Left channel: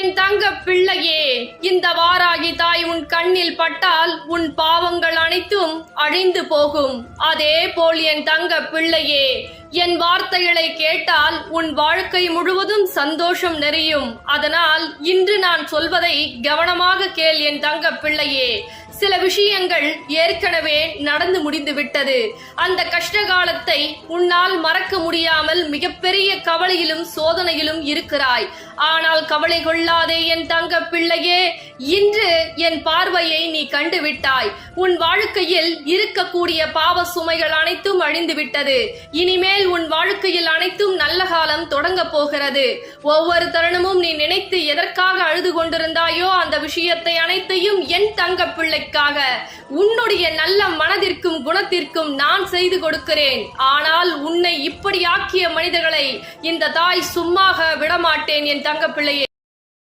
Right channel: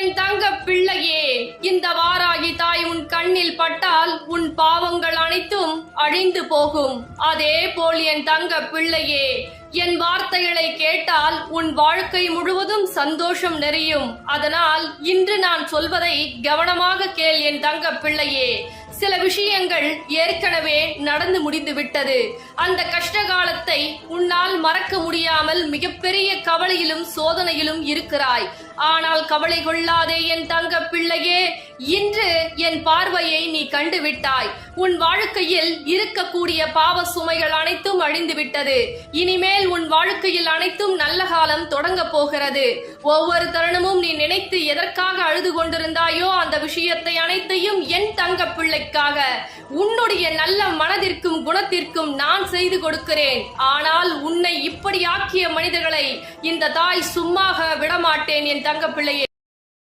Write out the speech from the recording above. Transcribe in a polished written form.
என் தங்க பிள்ளையே, இந்த வாராகி தாய் உன் கண்ணில் பட்டால் உன் பாவங்கள் அனைத்தும் அழிந்து போகும். அதே போல் என் தங்க பிள்ளையே, என் வார்த்தைகளை கேட்டால் உன் வாழ்க்கை முழுவதும் சந்தோஷம் நிறையும். அதனால் இன்று நான் சொல்வதை கவனமாக கேள் என் தங்க பிள்ளையே. சில விஷயங்கள் ஏற்கனவே நடந்து முடிந்து விட்டது. அந்த கஷ்ட காலத்தை உன்னால் மறக்க முடியாமல் மிகப்பெரிய கவலையிலும் சோதனையிலும் இருக்கிறாய். ஆனால் கவலை கொள்ளாதே என் தங்க பிள்ளையே. இன்று என் பார்வையை நீ கண்டுவிட்டாய். உன் வாழ்க்கையில் இருக்கக்கூடிய பாவ சுமைகள் அனைத்தும் அழிந்து விட்டது. இனிமேல் உன் வாழ்க்கையில் அனைத்தும் நல்ல காலம் தொடங்க போகிறது. ஒவ்வொரு தருணமும் நீ நினைத்து எதற்காக அழுது கொண்டிருந்தாயோ அந்த விஷயத்தை அனைத்தையும் என் தங்க பிள்ளைக்காக உன்னுடைய நல்ல மனதிற்கும் குணத்திற்கும் நான் செய்து கொடுக்கிறேன். ஆனால் உன்னை இப்படி ஆக்கிய மனிதர்களை இந்த தாய் சும்மாக விடமாட்டேன் என் தங்க பிள்ளையே.